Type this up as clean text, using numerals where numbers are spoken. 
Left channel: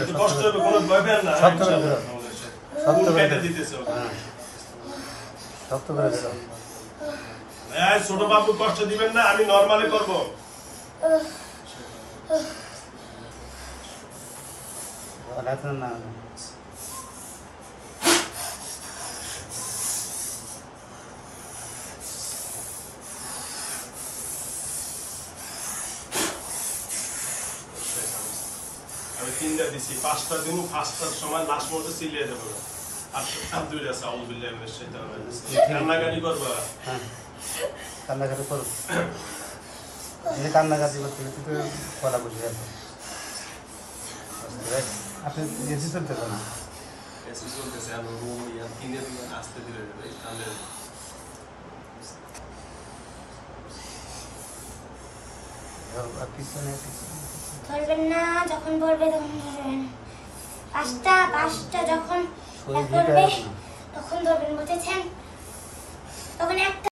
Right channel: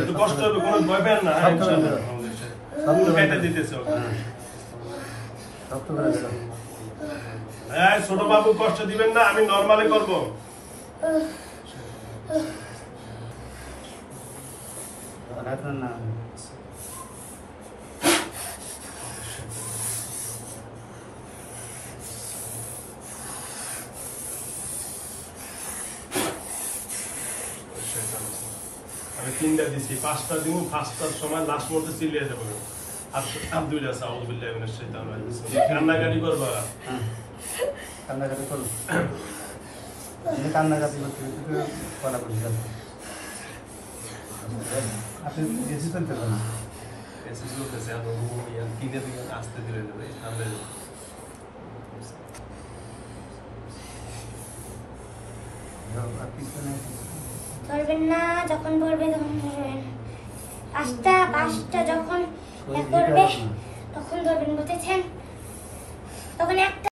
একটু কষ্ট হবে, কোনো ভয় পেন না। ইনশাআল্লাহ পুরো কেটে দিতেছে ওকে। ছোট বাবু কষ্ট দিবেন না, আমি নরমালি করবো। আমি 3টা দিছি, 5টা দিব, 5টার সময় লাস্ট মুহূর্তে চিল্লিয়ে দেবো। আলহামদুলিল্লাহ, আউযু বিল্লাহি মিনাশ শাইতানির রাজিম। কান্নাকাটি করবা, কান্নাকাটি করো, এই কান্নাকাটি করতে করা বলছি। আপনি এসি চলতে পারেন, এসি চলতেছে, আমি কিনে দিবেন, আসতে ধীরে ধীরে তাহলে ধরবেন না, যখন বলবে তখন ধরবেন। 5টা যখন করবে তখন ধরবেন, বুঝেছেন? তখন একটা